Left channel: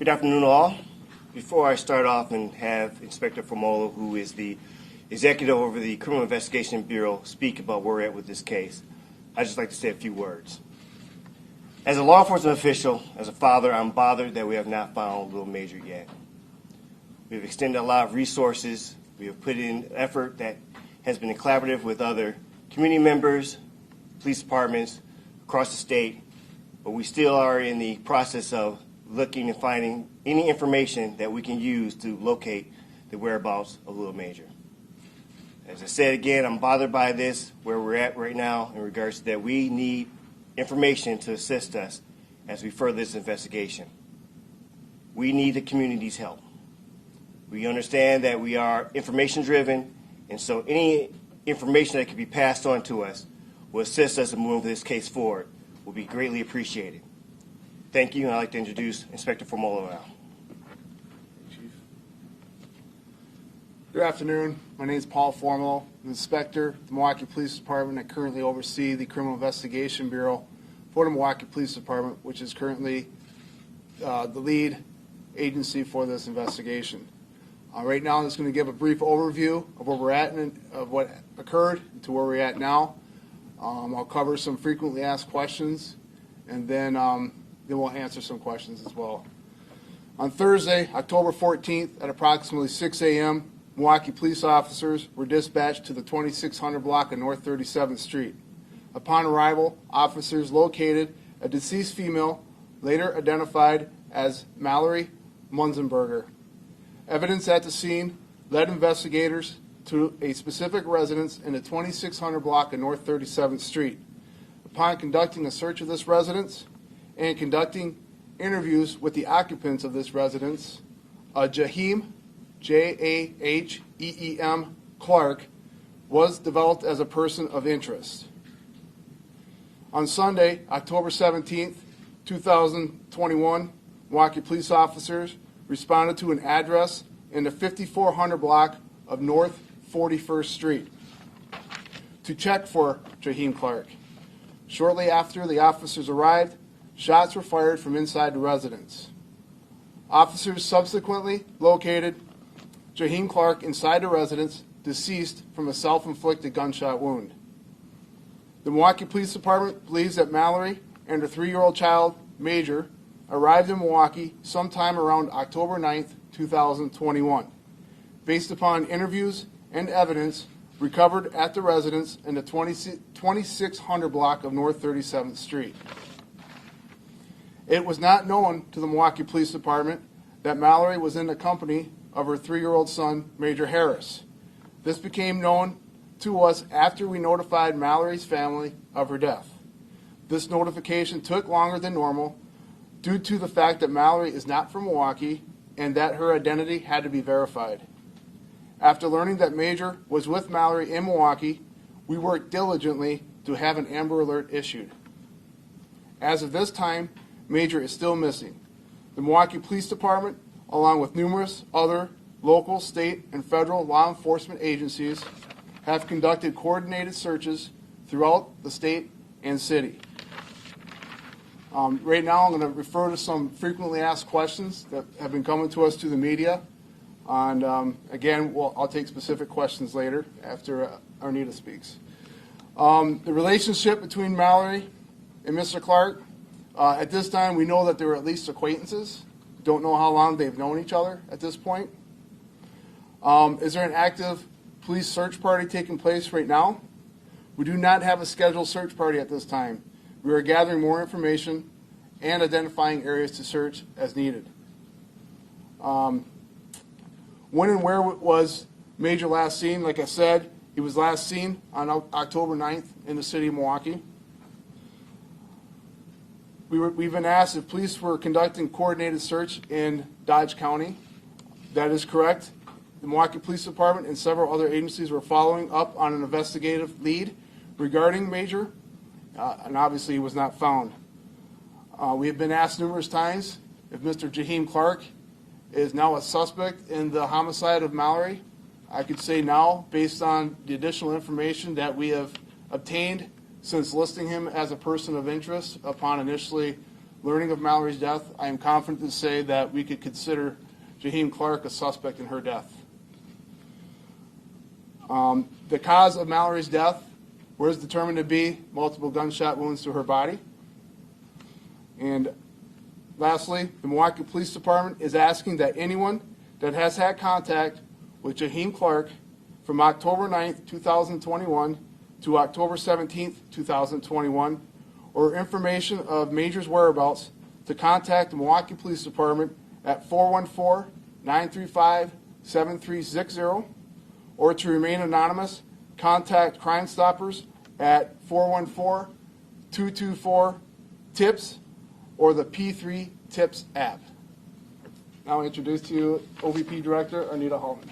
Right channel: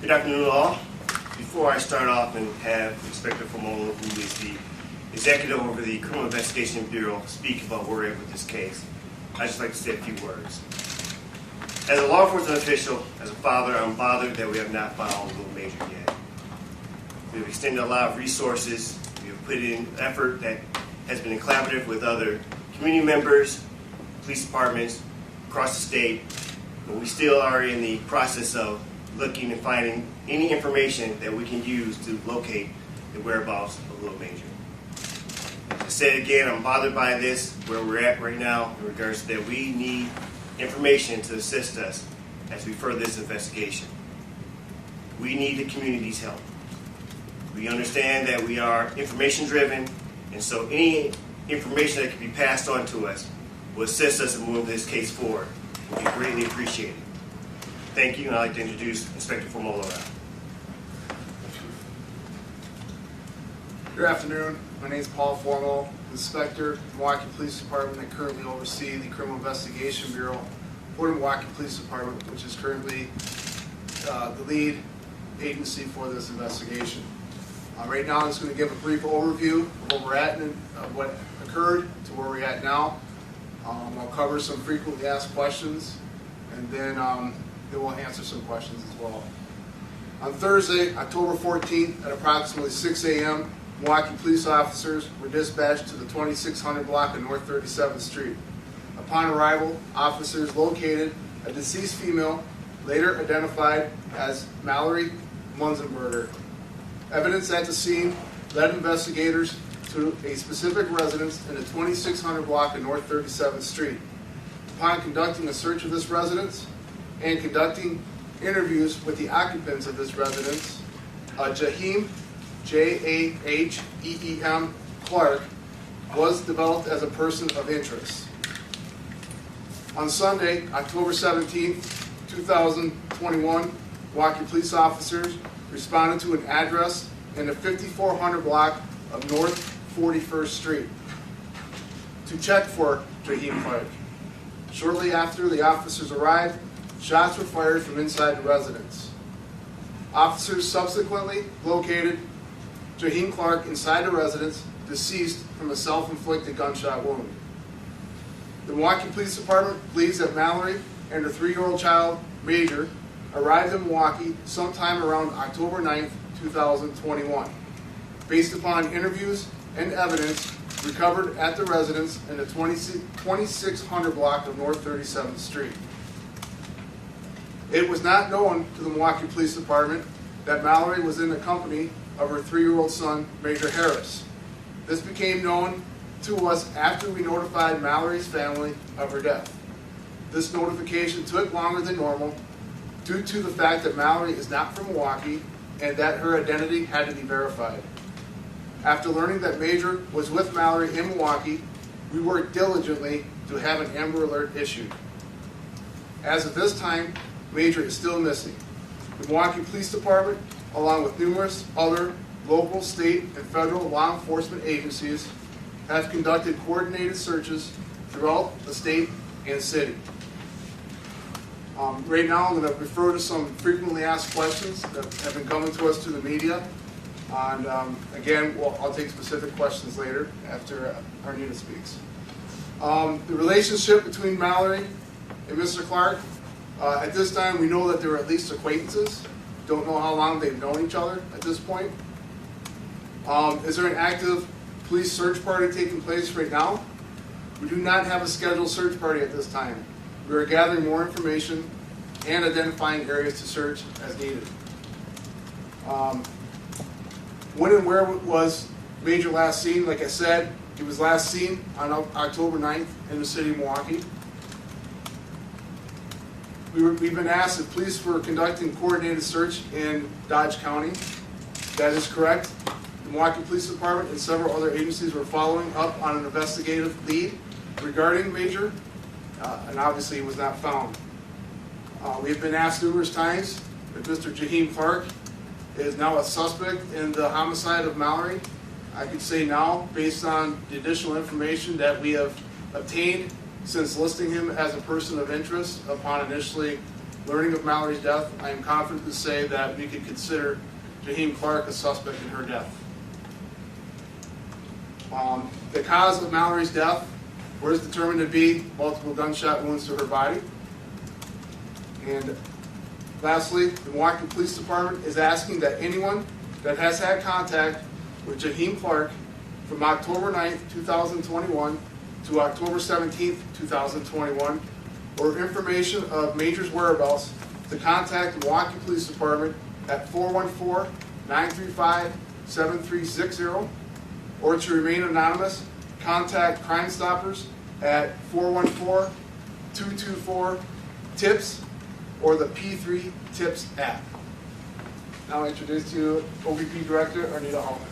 Good afternoon, all. Before I start off and have Inspector Formola, who is the executive over the Criminal Investigation Bureau, speak about where we're at with this case, I'd just like to say a few words. As a law enforcement official, as a father, I'm bothered that we have not found Little Major yet. We've extended a lot of resources. We've put in effort that has been collaborative with other community members, police departments across the state, but we still are in the process of looking and finding any information that we can use to locate the whereabouts of Little Major. As I said again, I'm bothered by this, where we're at right now in regards to that we need information to assist us as we further this investigation. We need the community's help. We understand that we are information driven, and so any information that can be passed on to us will assist us in moving this case forward. Will be greatly appreciated. Thank you, and I'd like to introduce Inspector Formola. Good afternoon. My name is Paul Formal, Inspector, Milwaukee Police Department. I currently oversee the Criminal Investigation Bureau for the Milwaukee Police Department, which is currently the lead agency for this investigation. Right now, I'm just going to give a brief overview of where we're at and of what occurred to where we're at now. I'll cover some frequently asked questions, and then we'll answer some questions as well. On Thursday, October 14th, at approximately 6 a.m., Milwaukee police officers were dispatched to the 2600 block of North 37th Street. Upon arrival, officers located a deceased female, later identified as Mallory Munzenberger. Evidence at the scene led investigators to a specific residence in the 2600 block of North 37th Street. Upon conducting a search of this residence and conducting interviews with the occupants of this residence, Jaheem, Jaheem Clark, was developed as a person of interest. On Sunday, October 17, 2021, Milwaukee police officers responded to an address in the 5400 block of North 41st Street to check for Jaheem Clark. Shortly after the officers arrived, shots were fired from inside the residence. Officers subsequently located Jaheem Clark inside the residence, deceased from a self-inflicted gunshot wound. The Milwaukee Police Department believes that Mallory and her 3-year-old child, Major, arrived in Milwaukee sometime around October 9th, 2021, based upon interviews and evidence recovered at the residence in the 2600 block of North 37th Street. It was not known to the Milwaukee Police Department that Mallory was in the company of her 3-year-old son, Major Harris. This became known to us after we notified Mallory's family of her death. This notification took longer than normal due to the fact that Mallory is not from Milwaukee and that her identity had to be verified. After learning that Major was with Mallory in Milwaukee, we worked diligently to have an Amber Alert issued. As of this time, Major is still missing. The Milwaukee Police Department, along with numerous other local, state, and federal law enforcement agencies, have conducted coordinated searches throughout the state and city. Right now, I'm going to refer to some frequently asked questions that have been coming to us through the media. And again, I'll take specific questions later after Arnita speaks. The relationship between Mallory and Mr. Clark, at this time we know that they were at least acquaintances. Don't know how long they've known each other at this point. Is there an active police search party taking place right now? We do not have a scheduled search party at this time. We are gathering more information and identifying areas to search as needed. When and where was Major last seen? Like I said, he was last seen on October 9th in the city of Milwaukee. We've been asked if police were conducting coordinated search in Dodge County. That is correct. The Milwaukee Police Department and several other agencies were following up on an investigative lead regarding Major, and obviously he was not found. We have been asked numerous times if Mr. Jaheem Clark is now a suspect in the homicide of Mallory. I could say now, based on the additional information that we have obtained since listing him as a person of interest upon initially Learning of Mallory's death, I am confident to say that we could consider Jaheim Clark a suspect in her death. The cause of Mallory's death was determined to be multiple gunshot wounds to her body. And lastly, the Milwaukee Police Department is asking that anyone that has had contact with Jaheim Clark from October 9th, 2021 to October 17th, 2021, or information of Major's whereabouts to contact the Milwaukee Police Department at 414-935-7360, or to remain anonymous, contact Crime Stoppers at 414-224-TIPS or the P3 TIPS app. Now I introduce to you OVP Director Arnita Hallman.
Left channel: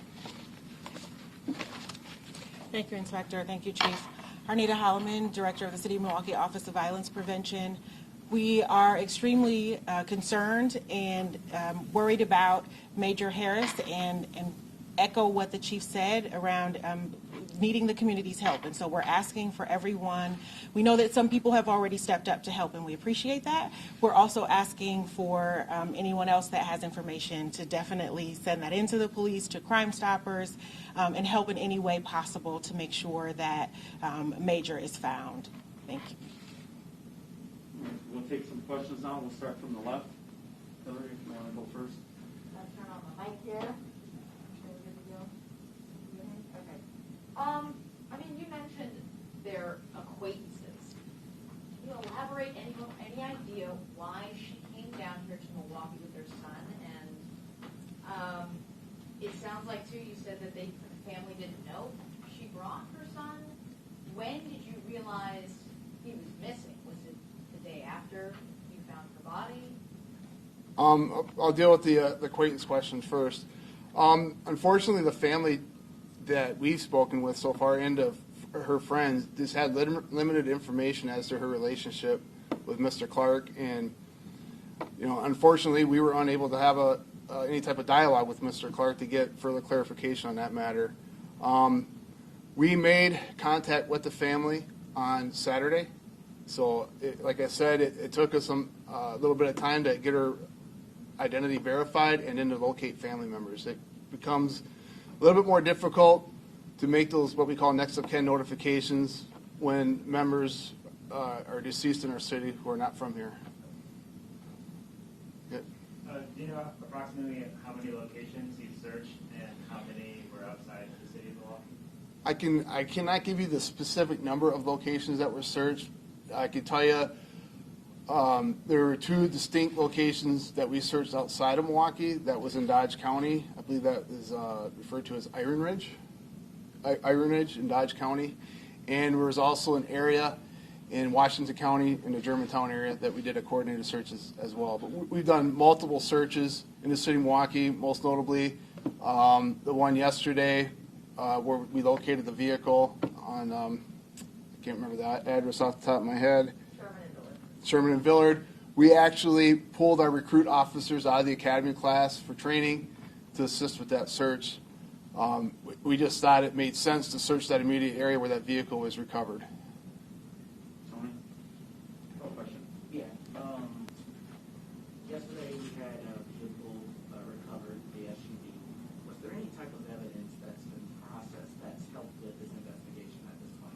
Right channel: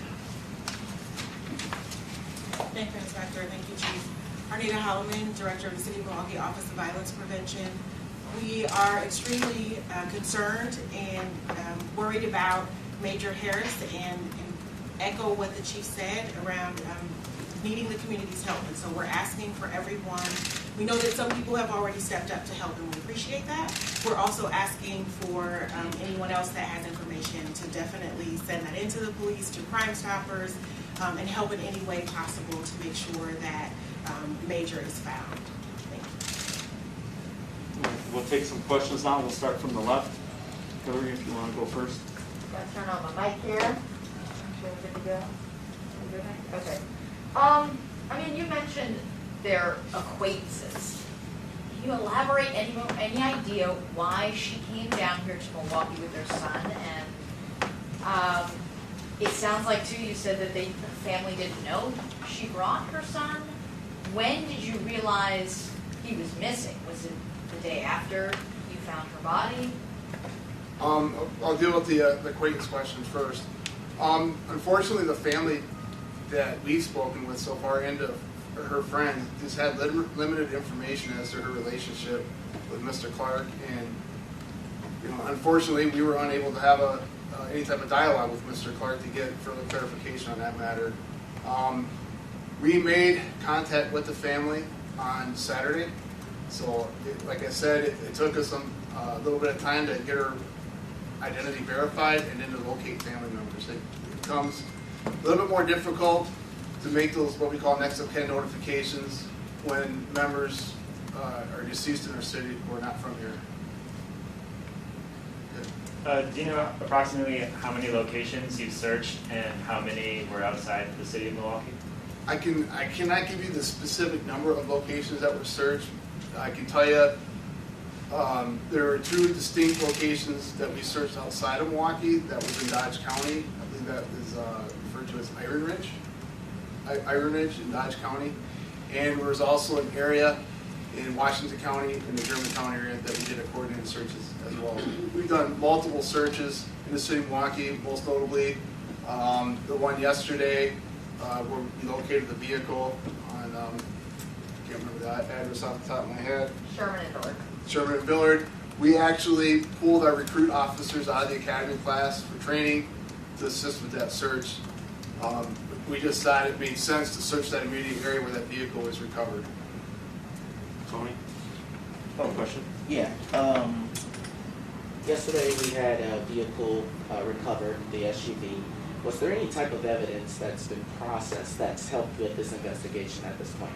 Thank you, Inspector. Thank you, Chief. Arnita Holloman, Director of the City of Milwaukee Office of Violence Prevention. We are extremely concerned and worried about Major Harris and echo what the Chief said around needing the community's help. And so we're asking for everyone. We know that some people have already stepped up to help, and we appreciate that. We're also asking for anyone else that has information to definitely send that into the police, to Crime Stoppers, and help in any way possible to make sure that Major is found. Thank you. We'll take some questions now. We'll start from the left. Hillary, if you want to go first. Gonna turn on the mic here. Sure we're good to go? We're good? Okay. I mean, you mentioned their acquaintances. Can you elaborate any idea why she came down here to Milwaukee with her son? And it sounds like too, you said that the family didn't know she brought her son. When did you realize he was missing? Was it the day after you found her body? I'll deal with the acquaintance question first. Unfortunately, the family that we've spoken with so far and of her friends just had limited information as to her relationship with Mr. Clark, and unfortunately, we were unable to have any type of dialogue with Mr. Clark to get further clarification on that matter. We made contact with the family on Saturday, so like I said, it took us a little bit of time to get her identity verified and then to locate family members. It becomes a little bit more difficult to make those what we call next of kin notifications when members are deceased in our city who are not from here. Do you know approximately how many locations you've searched and how many were outside the city of Milwaukee? I cannot give you the specific number of locations that were searched. I can tell you there were 2 distinct locations that we searched outside of Milwaukee. That was in Dodge County. I believe that is referred to as Iron Ridge in Dodge County. And there was also an area in Washington County, in the Germantown area, that we did a coordinated searches as well. We've done multiple searches in the city of Milwaukee, most notably the one yesterday where we located the vehicle on, I can't remember that address off the top of my head. Sherman and Villard. We actually pulled our recruit officers out of the academy class for training to assist with that search. We just thought it made sense to search that immediate area where that vehicle was recovered. Tony? Question? Yeah. Yesterday we had a vehicle recovered, the SUV. Was there any type of evidence that's been processed that's helped with this investigation at this point?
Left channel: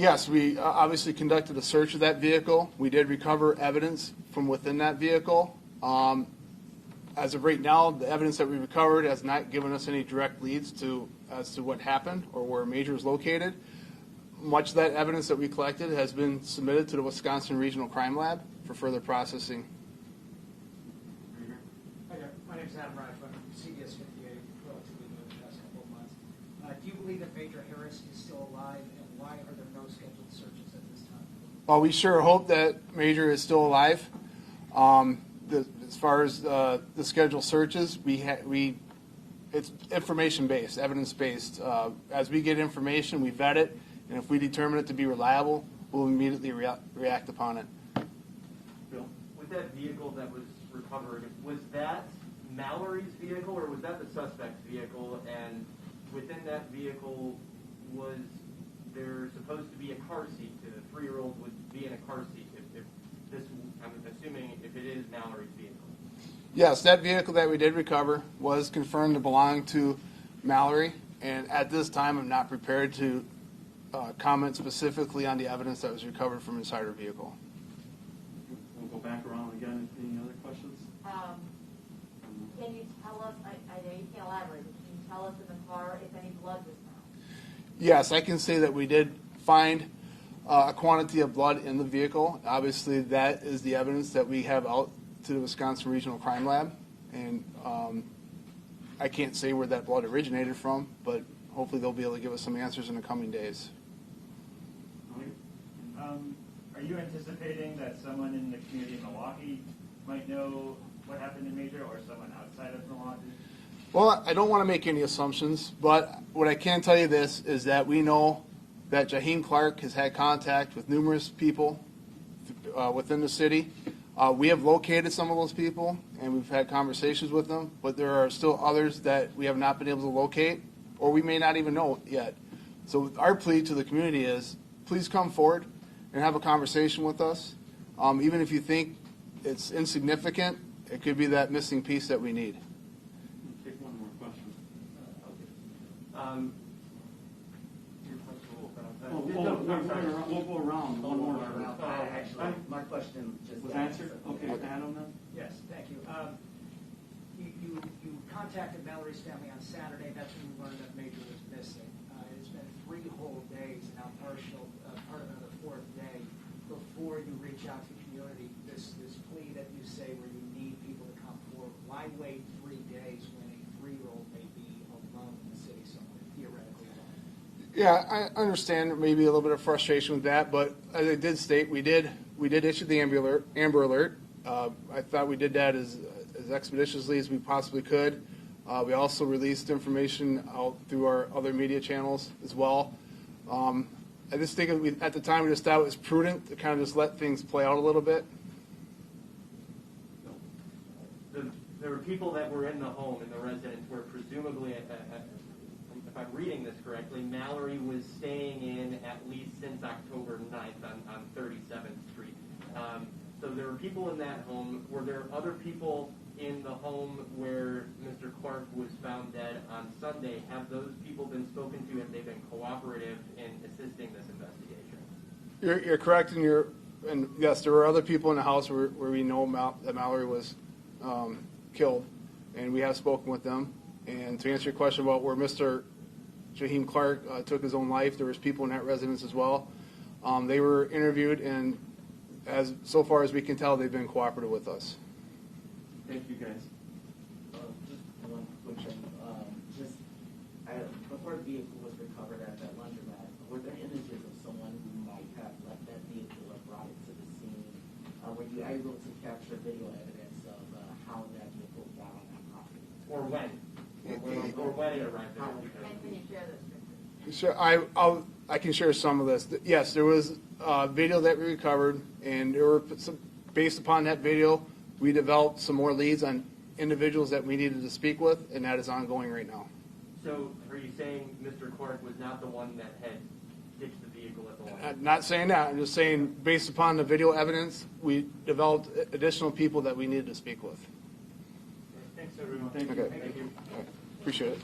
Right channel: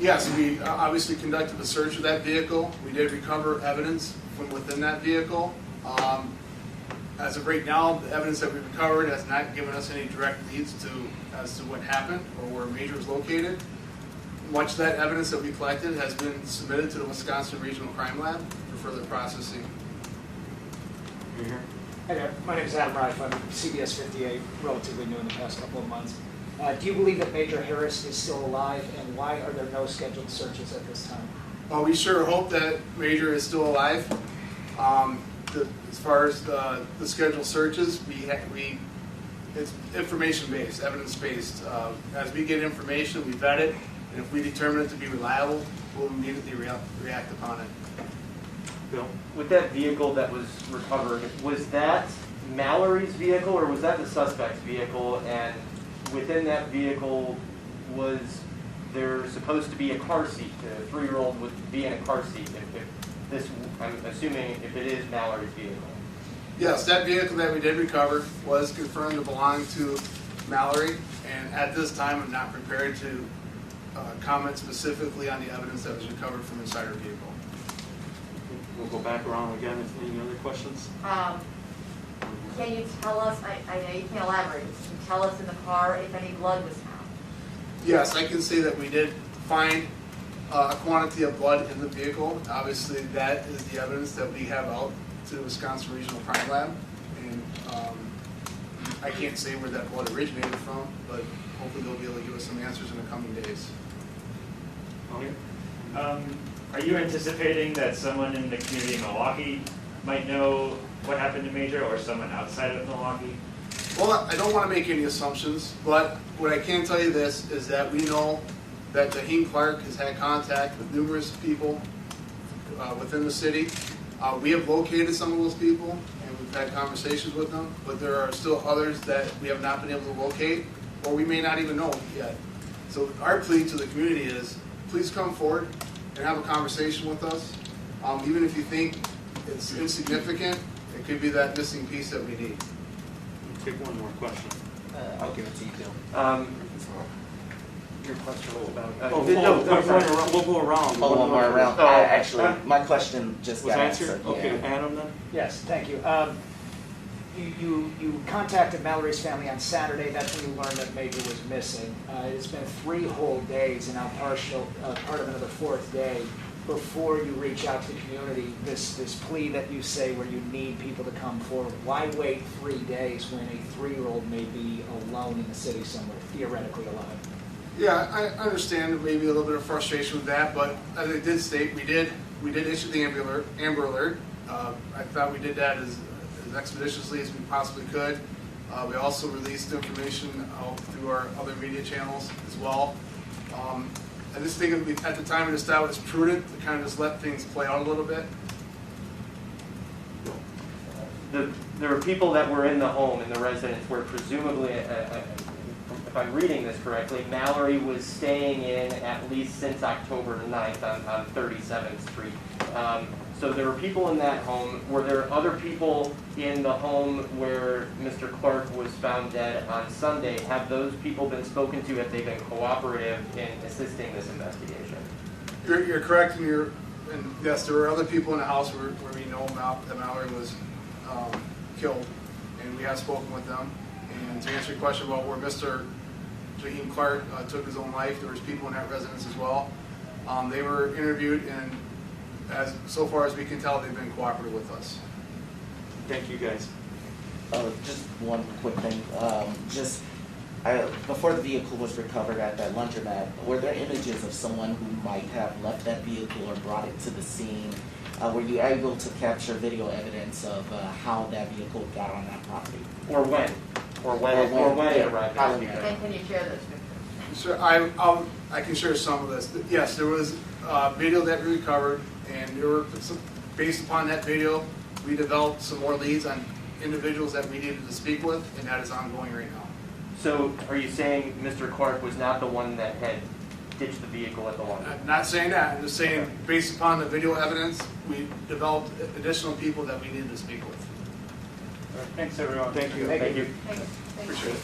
Yes, we obviously conducted a search of that vehicle. We did recover evidence from within that vehicle. As of right now, the evidence that we recovered has not given us any direct leads as to what happened or where Major is located. Much of that evidence that we collected has been submitted to the Wisconsin Regional Crime Lab for further processing. Hi there, my name is Adam Reif. I'm CBS 58, relatively new in the past couple of months. Do you believe that Major Harris is still alive, and why are there no scheduled searches at this time? Well, we sure hope that Major is still alive. As far as the scheduled searches, it's information-based, evidence-based. As we get information, we vet it, and if we determine it to be reliable, we'll immediately react upon it. Bill? With that vehicle that was recovered, was that Mallory's vehicle or was that the suspect's vehicle? And within that vehicle, was there supposed to be a car seat? The 3-year-old would be in a car seat if this, I'm assuming if it is Mallory's vehicle. Yes, that vehicle that we did recover was confirmed to belong to Mallory, and at this time, I'm not prepared to comment specifically on the evidence that was recovered from inside her vehicle. We'll go back around again. If any other questions? Can you tell us, I know you can't elaborate, can you tell us in the car if any blood was found? Yes, I can say that we did find a quantity of blood in the vehicle. Obviously, that is the evidence that we have out to the Wisconsin Regional Crime Lab. And I can't say where that blood originated from, but hopefully they'll be able to give us some answers in the coming days. Are you anticipating that someone in the community of Milwaukee might know what happened to Major, or someone outside of Milwaukee? Well, I don't want to make any assumptions, but what I can tell you this is that we know that Jaheim Clark has had contact with numerous people within the city. We have located some of those people, and we've had conversations with them, but there are still others that we have not been able to locate, or we may not even know yet. So our plea to the community is, please come forward and have a conversation with us. Even if you think it's insignificant, it could be that missing piece that we need. Take one more question. I'll give it to you, Bill. Your question was about. We'll go around. Oh, one more round. Oh, Actually, my question just Was got answered? answered. Okay, Yeah. Adam then? Yes, thank you. You contacted Mallory's family on Saturday. That's when you learned that Major was missing. It's been 3 whole days, and now part of another 4th day before you reach out to the community. This plea that you say where you need people to come forward. Why wait 3 days when a 3-year-old may be alone in the city somewhere, theoretically alive? Yeah, I understand maybe a little bit of frustration with that, but as I did state, we did issue the Amber Alert. I thought we did that as expeditiously as we possibly could. We also released information out through our other media channels as well. I just think at the time we just thought it was prudent to kind of just let things play out a little bit. There were people that were in the home, in the residence, where presumably, if I'm reading this correctly, Mallory was staying in at least since October 9th on 37th Street. So there were people in that home. Were there other people in the home where Mr. Clark was found dead on Sunday? Have those people been spoken to? Have they been cooperative in assisting this investigation? You're correct, and yes, there were other people in the house where we know that Mallory was killed, and we have spoken with them. And to answer your question about where Mr. Jaheim Clark took his own life, there was people in that residence as well. They were interviewed, and so far as we can tell, they've been cooperative with us. Thank you, guys. Just one quick thing. Before the vehicle was recovered at that laundromat, were there images of someone who might have left that vehicle or brought it to the scene? Were you able to capture video evidence of how that vehicle got on that property? Or when? Or when it arrived at the vehicle? And can you share those pictures? Sure, I can share some of this. Yes, there was video that we recovered, and based upon that video, we developed some more leads on individuals that we needed to speak with, and that is ongoing right now. So are you saying Mr. Clark was not the one that had ditched the vehicle at the laundry? I'm not saying that. I'm just saying, based upon the video evidence, we developed additional people that we needed to speak with. Thanks, everyone. Thank you. Thank you. Thanks. Appreciate it.